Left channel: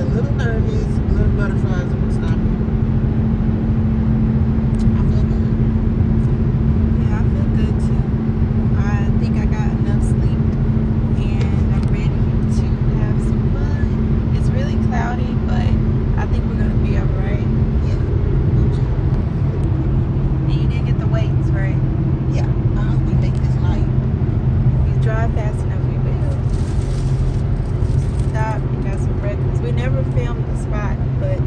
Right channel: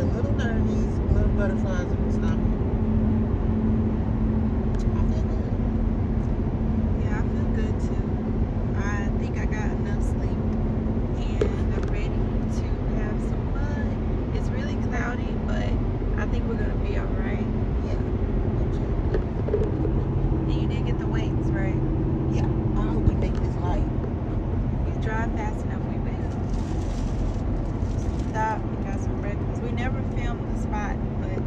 a little nervous, little butterflies in my stomach. I feel good. Yeah, I feel good too. I think I got enough sleep and I'm ready to have some fun. It's really cloudy, but I think we're gonna be alright. Yeah. You did get the weights, right? Yeah. I hope we make this night. If you drive fast enough, we will. Stop and got some breakfast. We never filmed the spot, but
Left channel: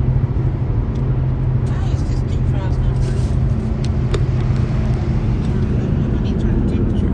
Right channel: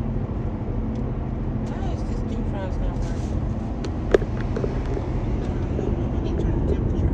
Why is this defrost not good? I need to turn the temperature up.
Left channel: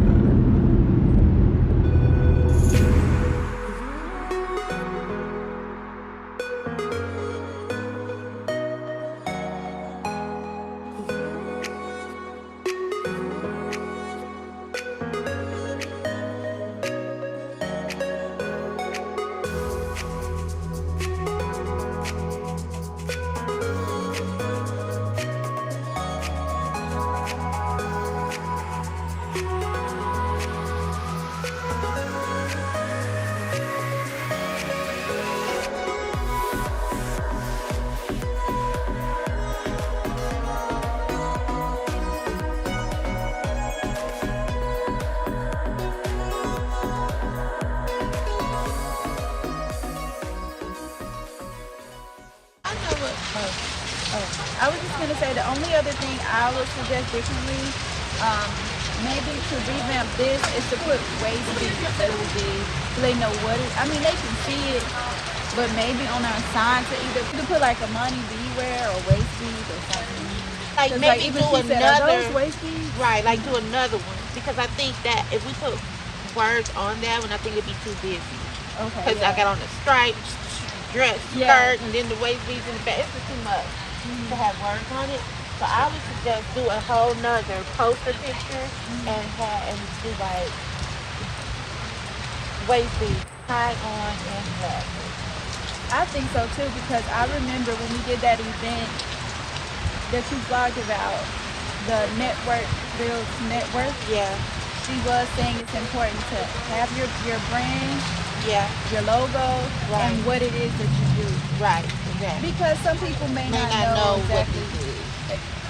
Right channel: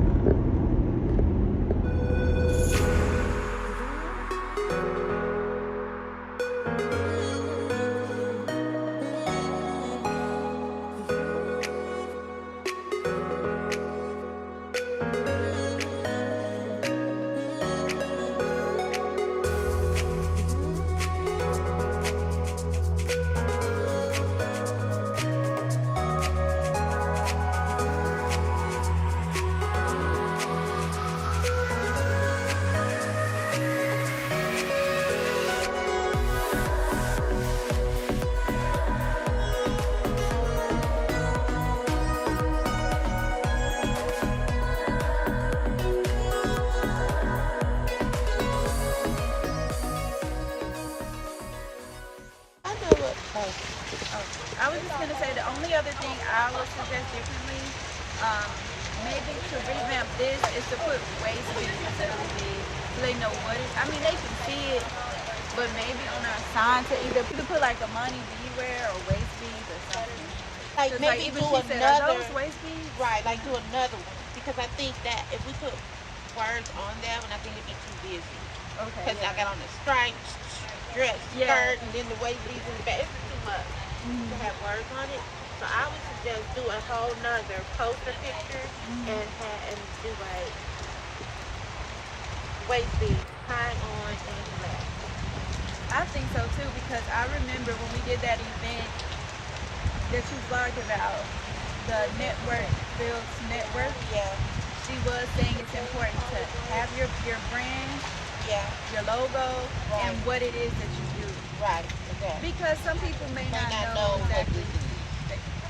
I know what. oh, I was just gonna say the only other thing I would suggest differently, maybe to revamp this is to put waist beads really big so they know what it. I mean, they can see it, but maybe on our sign to either to put like Amani Beware or waist beads or something. Because like maybe even do she said, are those another- waist beads? Right, like do another one. Because I think that if we put words on that one, I think it'd be too busy. Okay. Because I got on the stripes, dress, Yeah. skirt, and then the waist beads in the back. It's just too much to have words on it. So I would suggest do a whole nother poster picture and do like waist beads tied on and black. I think so too because I remember when we did that event that you vlogged about, the network builds net worth. Yeah, She was saying it's important to have your brand, yeah, your logo, Right. and what it is that you do. right, exactly. Because some people may not know what exactly. it is.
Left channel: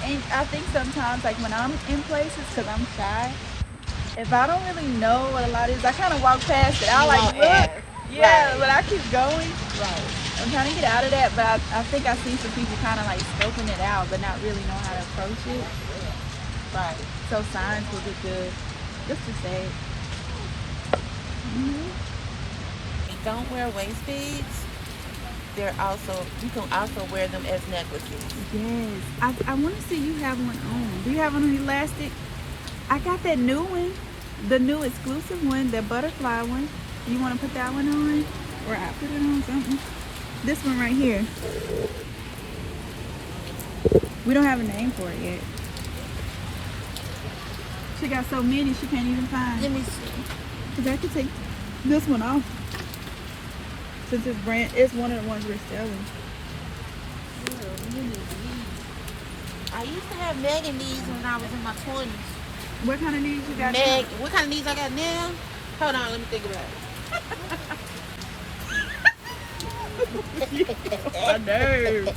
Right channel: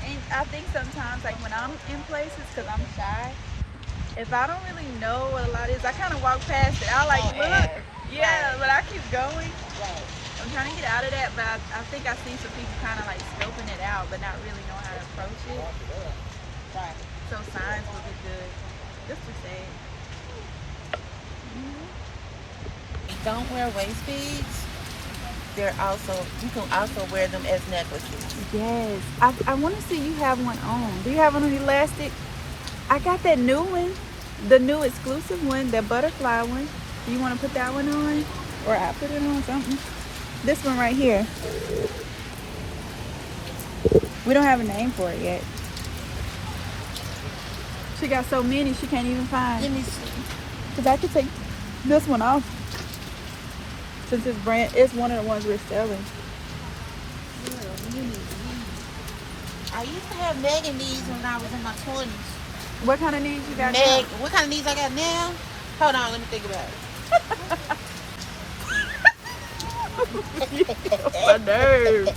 And I think sometimes, like when I'm in places, because I'm shy, if I don't really know what a lot is, I kind of walk past it. I like won't look, ask. yeah, Right. but I keep going. Right. I'm trying to get out of that, but I think I see some people kind of like scoping it out, but not really know how to approach it. Right. So signs would be good, just to say it. Don't wear waist beads. They're also, you can also wear them as necklaces. Yes, I want to see you have one on. Do you have one on elastic? I got that new one, the new exclusive one, that butterfly one. Do you want to put that one on? Or I put it on something? This one right here. We don't have a name for it yet. She got so many she can't even find. Let me see. Because I could take this one off. Since it's brand, it's one of the ones we're selling. I used to have Megan knees when I was in my 20s. What kind of needs you got? Meg, what kind of knees I got now? Hold on, let me think about it. My nerves.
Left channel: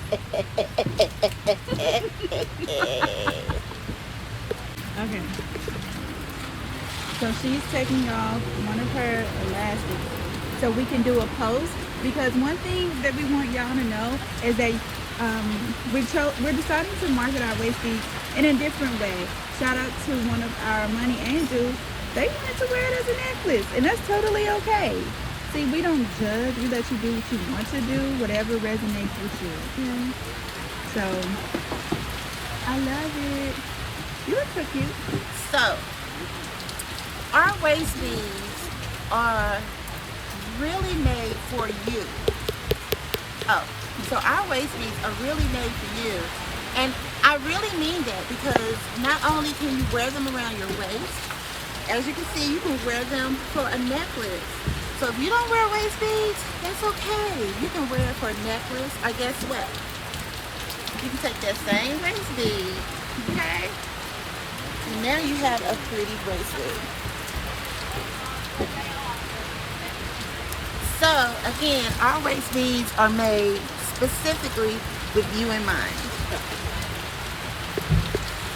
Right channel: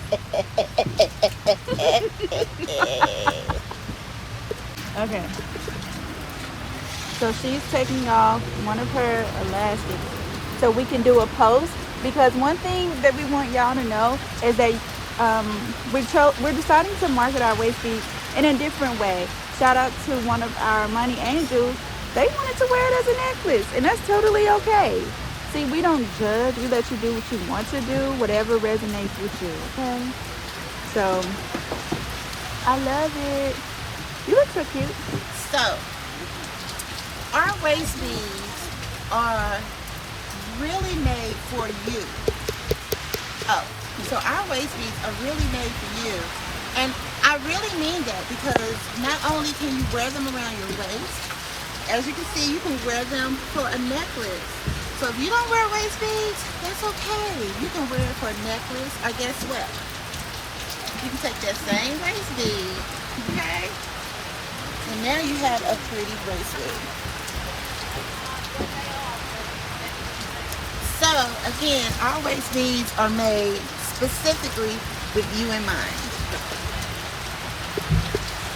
Okay. So she's taking off one of her elastics so we can do a post, because one thing that we want y'all to know is that we're deciding to market our waist beads in a different way. Shout out to one of our money angels. They wanted to wear it as a necklace, and that's totally okay. See, we don't judge. We let you do what you want to do, whatever resonates with you, okay? So, I love it. You look so cute. So, our waist beads are really made for you. Oh, so our waist beads are really made for you. And I really mean that, because not only can you wear them around your waist, as you can see, you can wear them for a necklace. So if you don't wear waist beads, that's okay. You can wear it for a necklace, or guess what? You can take that same waist bead, okay? And now you have a pretty bracelet. So again, our waist beads are made specifically with you in mind.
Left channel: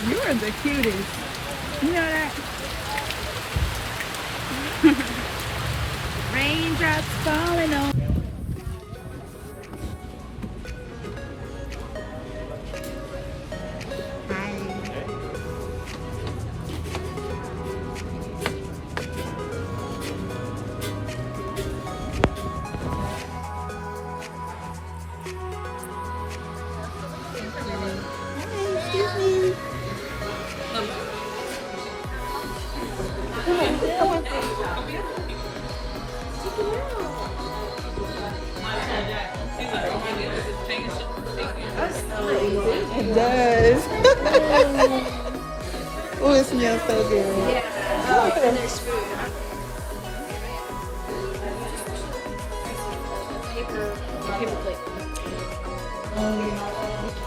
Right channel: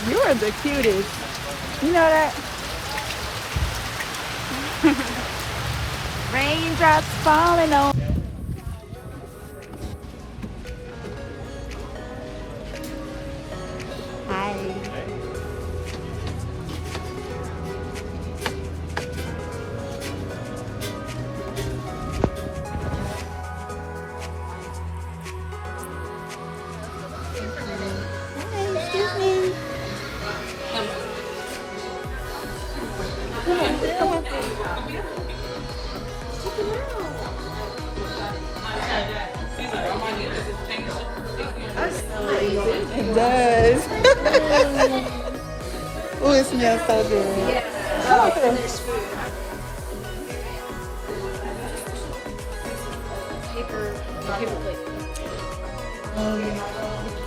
You are the cutest. You know that? Raindrops falling on. Hi. Hi, excuse me. Come on. It does. Oh, it smells so good.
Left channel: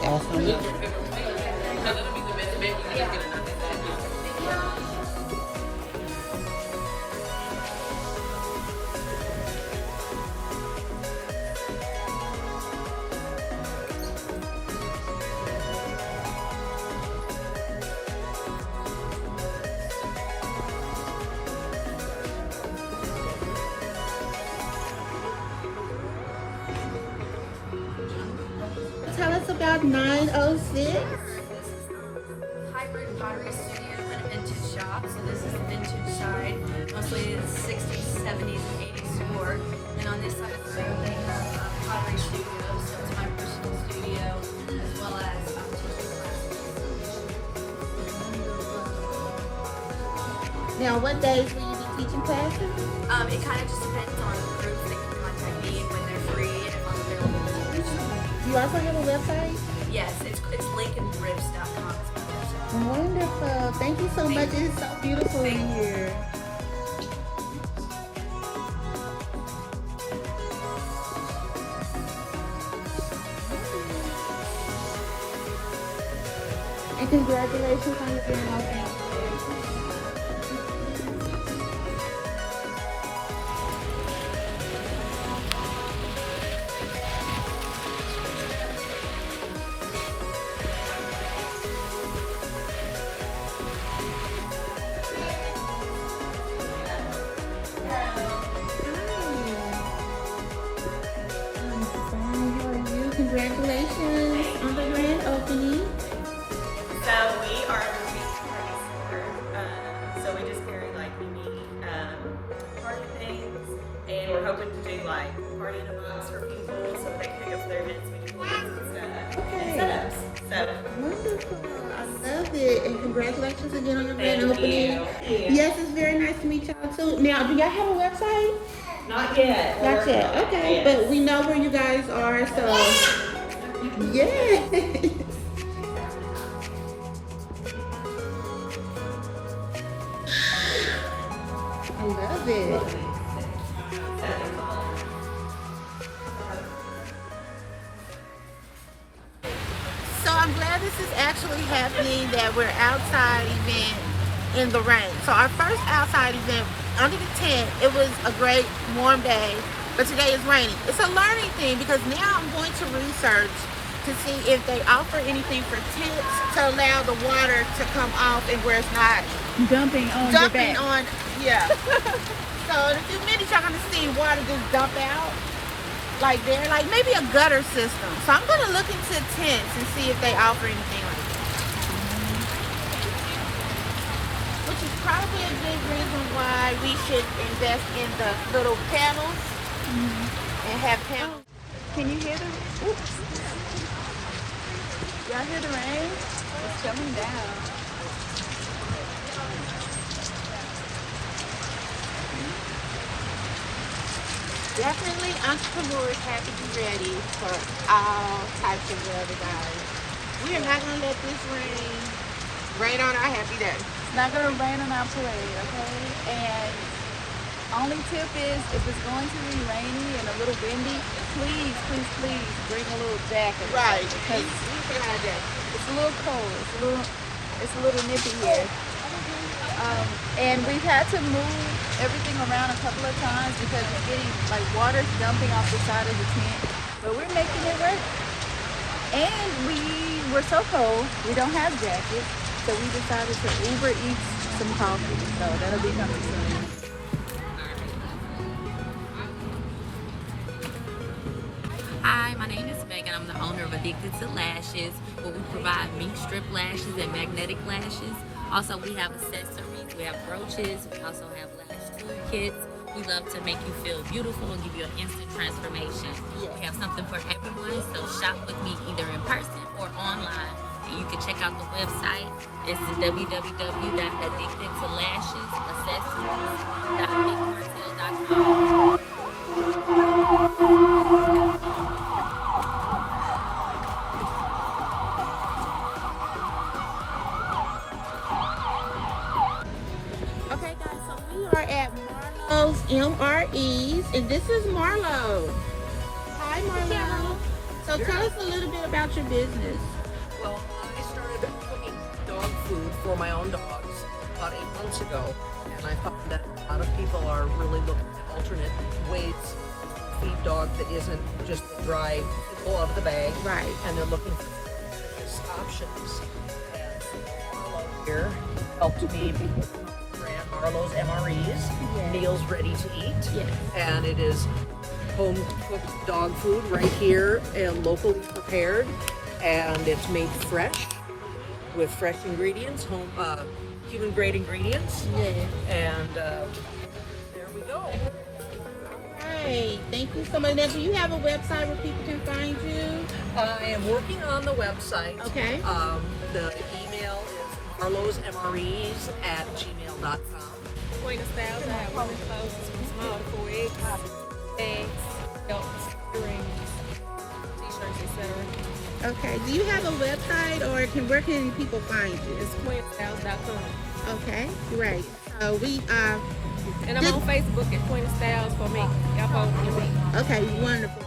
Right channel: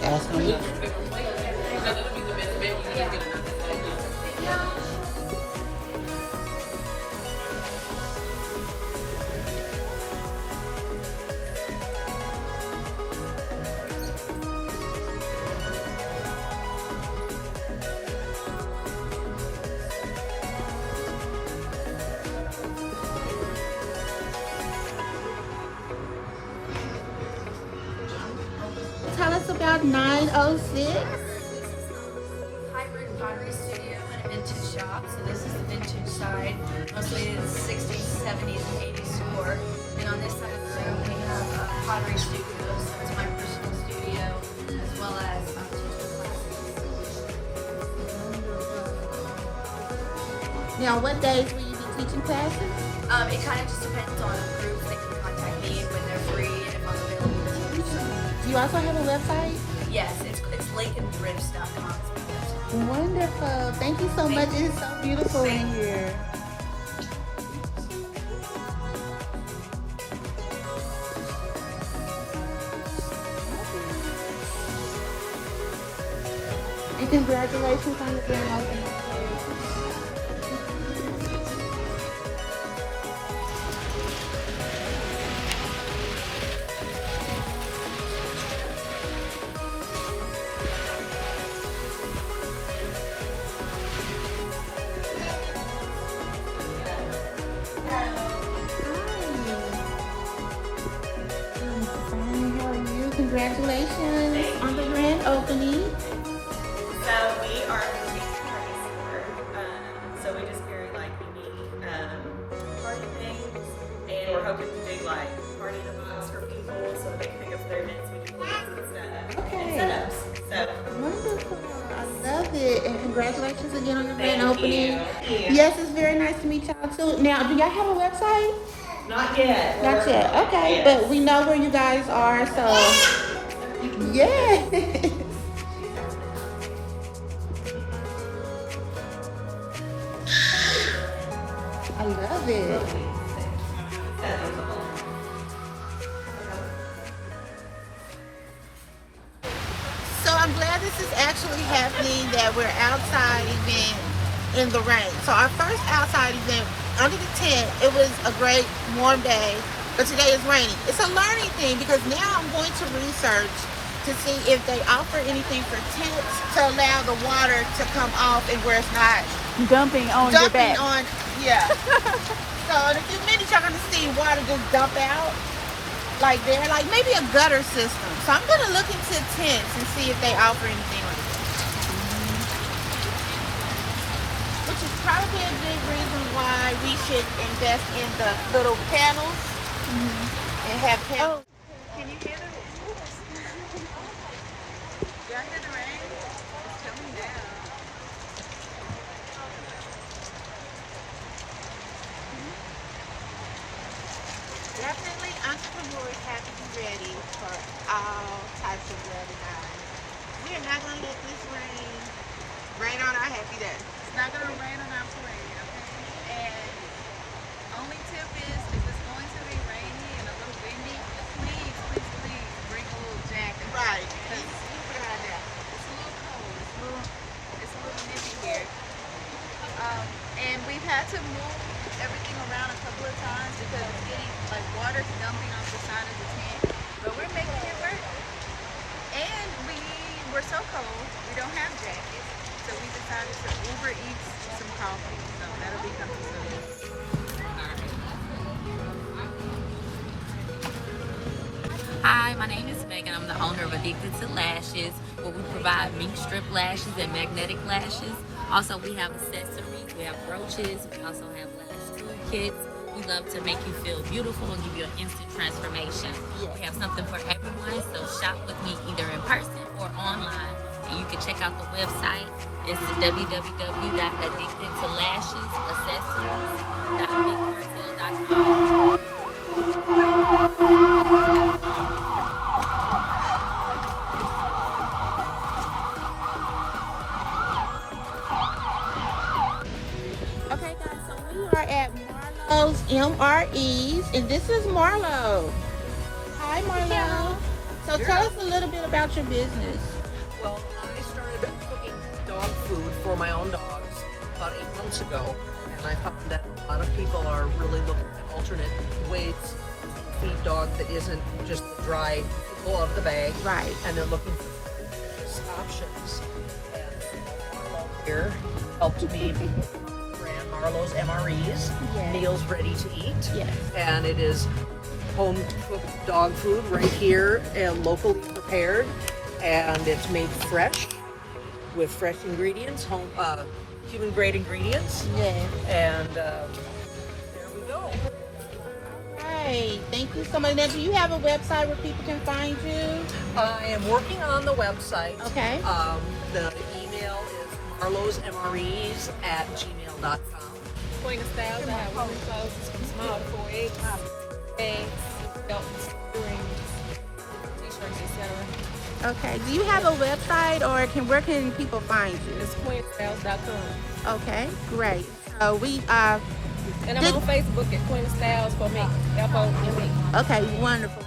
Ask me. Tell us about 906. Hybrid pottery studio and a vintage shop. So this is the vintage side. Mostly it's 60s, 70s, and 80s decor. And on this side of the room we have a pottery studio. So it's my personal studio as well as Now, what days will you be teaching classes? it kind of just depends on groups that can contact me and when they're free and if I'm available to teach them. Do you also have a website? Yes, it's lakeandthrifts.com is my website. Wonderful. Thank you so much. It's so beautiful in here. And congratulations on your grand opening. I'm fine. How are you? Congratulations on the grand opening. So we are a boutique party store. So we just carry like unique party things, and we're hoping to do like party devices for people, so they can go for their events. We do weddings and stuff. Okay. And setups. So Wonderful. I love it. And congratulations again on your grand Thank opening. you. Yes, it's very nice to meet y'all too. Now, do y'all have a website? not yet. Not yet. Okay. Yes. But we know where you guys are, so yes. I love it. So I'm glad this is actually happening, that we're outside event in the rain. So our first outside event under the tent, it was a great warm day, but today is raining. It's a learning thing because now I'm going to research to see if they offer anything for tips to allow the water to come off and where it's not Dumping on your dumping back. on, yeah. So in a few minutes you're gonna see water just dump out like there, like maybe a gutter system. So I'm gonna look into tents and see if they offer anything like that. Which is probably a good reason why we should invest in the little panels and have panels. Can you hear them? Y'all hear the rain? It's coming down. Definitely entrepreneurs have to be ready for all types of weather, guys. We are not gonna let this rain on our happy day. It's not gonna rain on our parade, okay? And only tip is if it's going to be rainy and a little windy, please bring a little jacket. Right. Because We put on our jacket. it's a little cold. It's a little nippy here. And we've had to move everything around a couple of times because we're getting like water's dumping off the side of the tent, but we're making it work. And we were so cold, we don't have jackets, so we decided to Uber Eats some coffee. So that'll be coming soon. Hi, my name is Megan. I'm the owner of Addicted to Lashes, where we provide mink strip lashes and magnetic lashes. Also, we have accessories. We have brooches. We also have lash tube kits. We love to make you feel beautiful and give you an instant transformation. Yes. We have something for everyone, so shop with me either in person or online. And you can check out the website. It's www.addictedtolashesAccessories.bigcartel.com. Okay, guys, so we are at Marlowe's MREs, and this is Marlo. Hi, Marlo. So tell us a little bit about your business. Well, I started cooking dog food for my own dogs about 8 months ago, and I found that a lot of people are really looking at alternate ways to feed dogs that isn't just the dry pickle of the bag, Right. and they're looking for delicious options. And so Marlo here helped me brand Marlowe's MREs, Yes. meals ready to eat, Yes. and it is home cooked dog food right here and locally prepared, and it's made fresh with fresh ingredients, home human grade ingredients, Yes. and there we go. Right. Thank you so much. Now, do you have a website where people can find you? I am working on the website. Okay. The email is marlowsmres@gmail.com. Point of styles, I have women's clothes, small to 4X, bags, belts, earrings, t-shirts, etc. Okay. Do you have a website, or where can people find you? It's pointofstyles.com. Okay. Great. So we And I'm on Facebook at Point of Styles for me. FOME. Okay. Wonderful.